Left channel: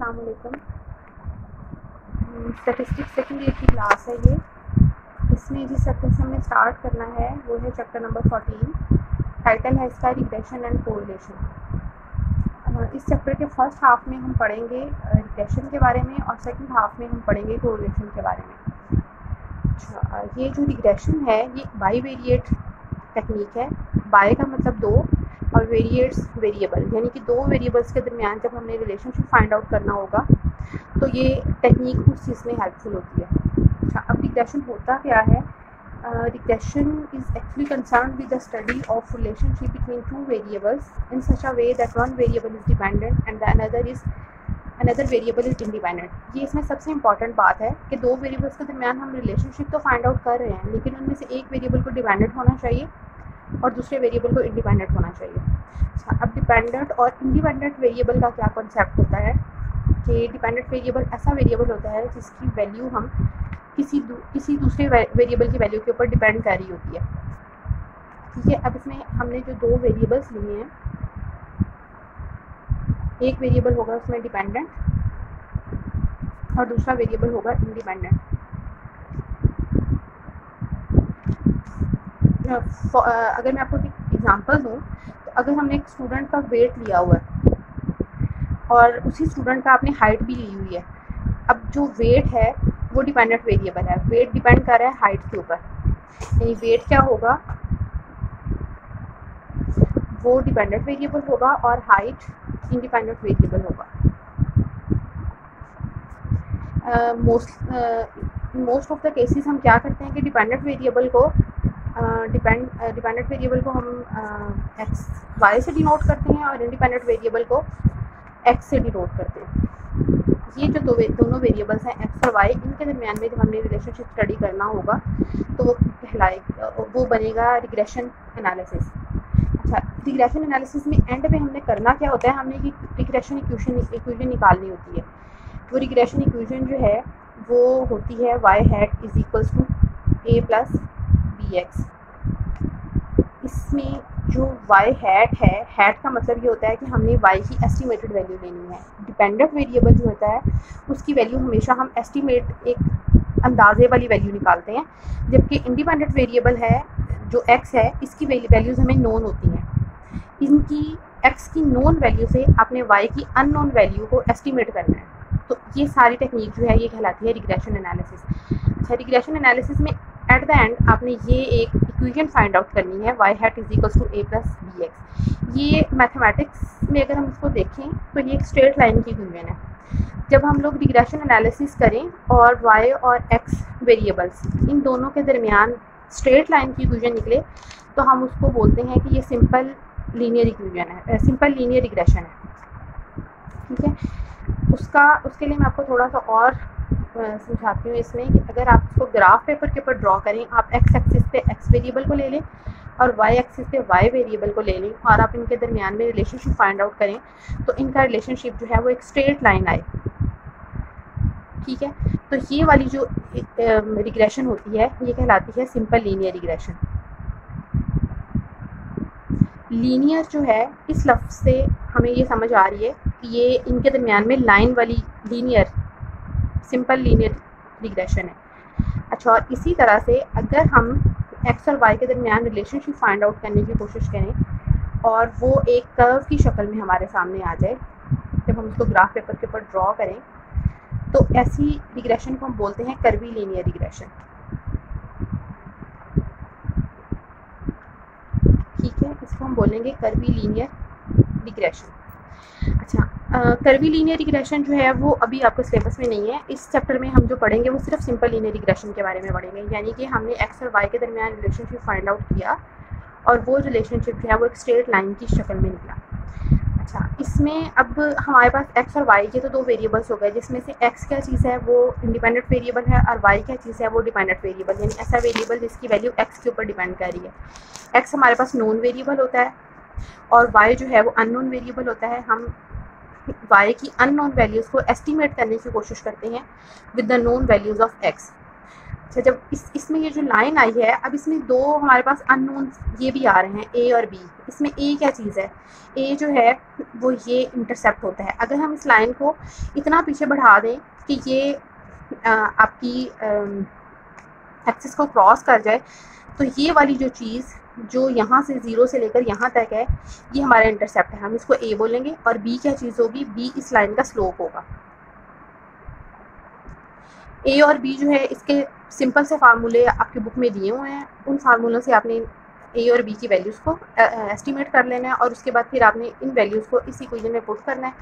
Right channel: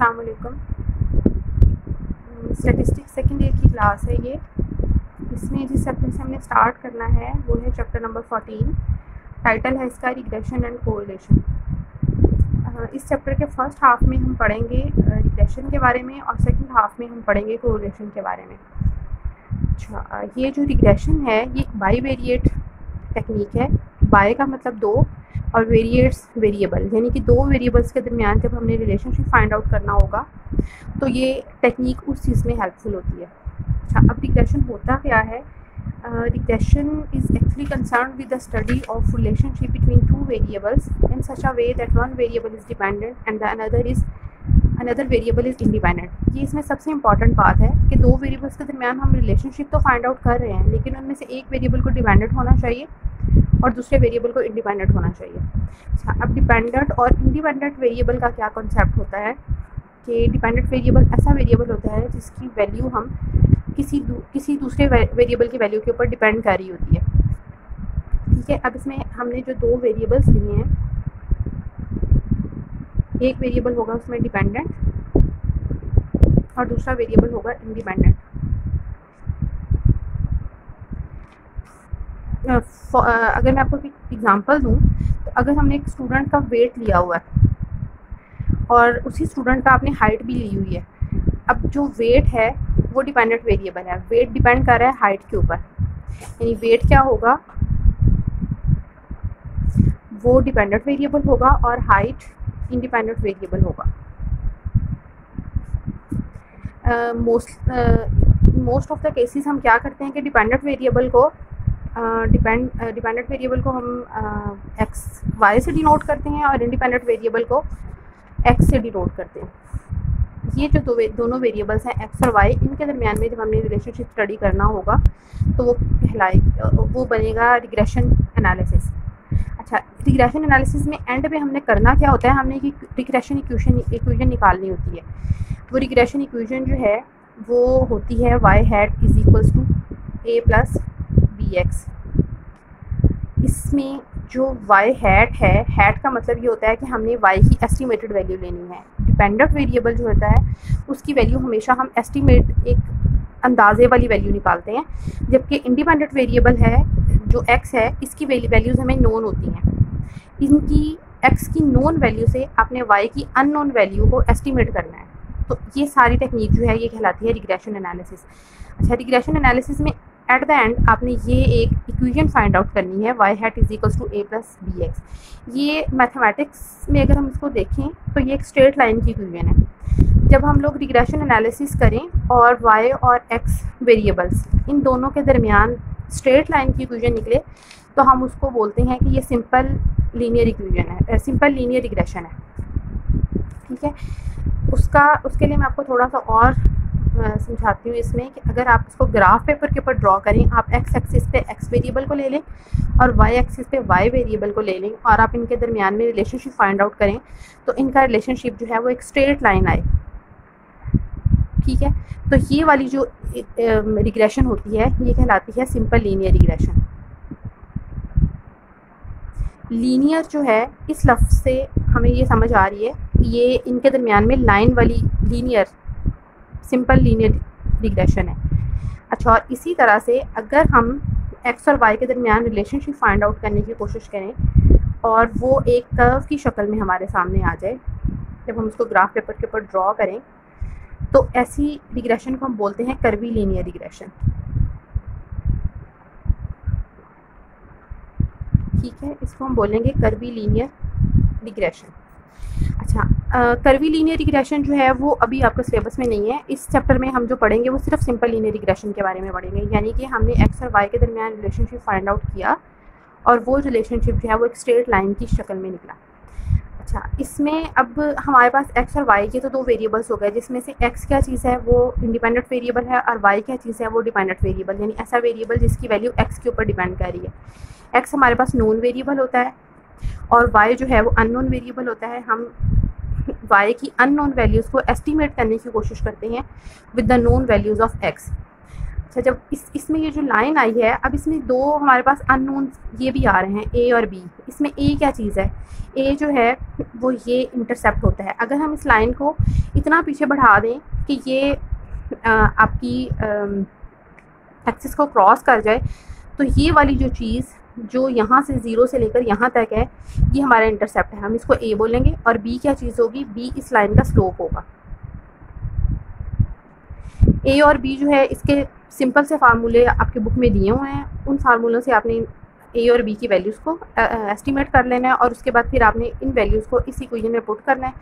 अस्सलाम वालेकुम। Statistics second year की क्लास है ये। इसमें जिस चैप्टर से हमने स्टार्ट करना है वो है चैप्टर नंबर 14। टाइटल है इसका रिग्रेशन एंड कोरिलेशन। इस चैप्टर के फर्स्ट हाफ में हम पढ़ेंगे रिग्रेशन के बारे में और सेकंड हाफ में हम पढ़ेंगे कोरिलेशन के बारे में। अच्छा, ये जो रिग्रेशन है ये बाईवेरिएट टेक्निक है। बाय का मतलब दो और वेरिएट्स वेरिएबल, यानी कि दो वेरिएबल्स के दरमियान जब हमने रिलेशनशिप फाइंड आउट करना होगा तो ये टेक्निक उस चीज़ में हेल्पफुल होती है। अच्छा, अब रिग्रेशन होता क्या है? Regression is actually concern with the study of relationship between two variables in such a way that one variable is dependent and the another variable is independent. ये इसमें सबसे इंपॉर्टेंट बात है कि दो वेरिएबल्स के दरमियान हम रिलेशनशिप तो फाइंड आउट कर रहे हैं, लेकिन उनमें से एक वेरिएबल को डिपेंडेंट होना चाहिए और दूसरे वेरिएबल को इंडिपेंडेंट होना चाहिए। अच्छा, अब डिपेंडेंट और इंडिपेंडेंट वेरिएबल का क्या कॉन्सेप्ट होता है कि डिपेंडेंट वेरिएबल ऐसा वेरिएबल होता है जिसकी वैल्यू हम किसी दूसरे वेरिएबल की वैल्यू के ऊपर डिपेंड कर रही होती है। ठीक है, अब इसमें हमने जो दो वेरिएबल्स लिए हैं, एक वेरिएबल होगा उसमें डिपेंडेंट और दूसरा वेरिएबल होगा इंडिपेंडेंट। अगर मैं आपको एक एग्जांपल दूं तो अगर हमने एक स्टूडेंट का वेट लिया हुआ है और उसी स्टूडेंट का आपने हाइट भी ली हुई है। अब जो वेट है वो डिपेंडेंट वेरिएबल है, वेट डिपेंड कर रहा है हाइट के ऊपर, यानी वेट क्या होगा, वो डिपेंडेंट वेरिएबल होगा और हाइट इंडिपेंडेंट वेरिएबल होगा। मोस्ट ऑफ द केसेस हम क्या करते हैं कि डिपेंडेंट वेरिएबल को हम एक्स वाई से डिनोट करते हैं और इंडिपेंडेंट वेरिएबल को एक्स से डिनोट करते हैं। ये जो दोनों वेरिएबल्स हैं एक्स और वाई, इनके दरमियान में जब हमने रिलेशनशिप स्टडी करना होगा तो वो बनेगा रिग्रेशन एनालिसिस। अच्छा, रिग्रेशन एनालिसिस में एंड पे हमने करना क्या होता है, हमने कि रिग्रेशन इक्वेशन निकालनी होती है। वो रिग्रेशन इक्वेशन जो है वो होती है Y hat is equals to A plus B X. इसमें जो वाई हैट है, हैट का मतलब ये होता है कि हमने वाई की एस्टिमेटेड वैल्यू लेनी है। डिपेंडेंट वेरिएबल जो होता है उसकी वैल्यू हमेशा हम एस्टिमेट एक अंदाजे वाली वैल्यू निकालते हैं, जबकि इंडिपेंडेंट वेरिएबल है जो एक्स है, इसकी वैल्यूज़ हमें नोन होती हैं। इनकी एक्स की नोन वैल्यू से आपने वाई की अननोन वैल्यू को एस्टिमेट करना है। तो ये सारी टेक्निक जो है ये कहलाती है रिग्रेशन एनालिसिस। अच्छा, रिग्रेशन एनालिसिस में एट द एंड आपने ये एक इक्वेशन फाइंड आउट करनी है, Y hat is equals to A plus B X. ये मैथमेटिक्स में अगर हम इसको देखें तो ये एक स्ट्रेट लाइन की इक्वेशन है। जब हम लोग रिग्रेशन एनालिसिस करें और वाई और एक्स वेरिएबल्स इन दोनों के दरमियान स्ट्रेट लाइन की इक्वेशन निकले तो हम उसको बोलते हैं कि ये सिंपल लीनियर इक्वेशन है, सिंपल लीनियर रिग्रेशन है। ठीक है, उसके लिए मैं आपको थोड़ा सा और समझाती हूँ इसमें कि अगर आप इसको ग्राफ पेपर के ऊपर ड्रॉ करें, आप एक्स एक्सिस पे एक्स वेरिएबल को ले लें और वाई एक्सिस पे वाई वेरिएबल को ले लें और आप इनके दरमियान में रिलेशनशिप फाइंड आउट करें तो इनका रिलेशनशिप जो है वो एक स्ट्रेट लाइन आए। ठीक है, तो ये वाली जो रिग्रेशन होती है ये कहलाती है सिंपल लीनियर रिग्रेशन। लीनियर जो है इस लफ्ज़ से हमें ये समझ आ रही है कि ये इनके दरमियान में लाइन वाली लीनियर सिंपल लीनियर रिग्रेशन है। अच्छा, और इसी तरह से अगर हम एक्स और वाई के दरमियान रिलेशनशिप फाइंड आउट करने की कोशिश करें और वो एक कर्व की शक्ल में हमारे सामने आ जाए, जब हम उसको ग्राफ पेपर के ऊपर ड्रॉ करें तो ऐसी रिग्रेशन को हम बोलते हैं कर्वी लीनियर रिग्रेशन। ठीक है, इसको हम बोलेंगे कर्वी लीनियर रिग्रेशन। अच्छा, कर्वी लीनियर रिग्रेशन जो है वो अभी आपके सिलेबस में नहीं है। इस चैप्टर में हम जो पढ़ेंगे वो सिर्फ सिंपल लीनियर रिग्रेशन के बारे में पढ़ेंगे, यानी कि हमने एक्स और वाई के दरमियान रिलेशनशिप फाइंड आउट किया और वो रिलेशनशिप जो है वो एक स्ट्रेट लाइन की शक्ल में निकला। अच्छा, इसमें अब हमारे पास एक्स और वाई के तो दो वेरिएबल्स हो गए, जिसमें से एक्स क्या चीज़ है वो इंडिपेंडेंट वेरिएबल है और वाई क्या चीज़ है वो डिपेंडेंट वेरिएबल, यानी ऐसा वेरिएबल जिसकी वैल्यू एक्स के ऊपर डिपेंड कर रही है। एक्स हमारे पास नोन वेरिएबल होता है और वाई जो है वो अननोन वेरिएबल होता है। हम वाई की अननोन वैल्यूज़ को एस्टिमेट करने की कोशिश करते हैं with the known values of x. अच्छा, जब इसमें ये जो लाइन आई है, अब इसमें दो हमारे पास अननोन ये भी आ रहे हैं, ए और बी। इसमें ए क्या चीज़ है, ए जो है वो ये इंटरसेप्ट होता है। अगर हम इस लाइन को इतना पीछे बढ़ा दें कि ये आपकी एक्सिस को क्रॉस कर जाए, तो ये वाली जो चीज़ जो यहाँ से 0 से लेकर यहाँ तक है, ये हमारा इंटरसेप्ट है, हम इसको ए बोलेंगे। और बी क्या चीज़ होगी, बी इस लाइन का स्लोप होगा। ए और बी जो है इसके सिंपल से फार्मूले आपके बुक में दिए हुए हैं, उन फार्मूलों से आपने ए और बी की वैल्यूज़ को एस्टिमेट कर लेना है और उसके बाद फिर आपने इन वैल्यूज़ को इस इक्वेशन में पुट करना है।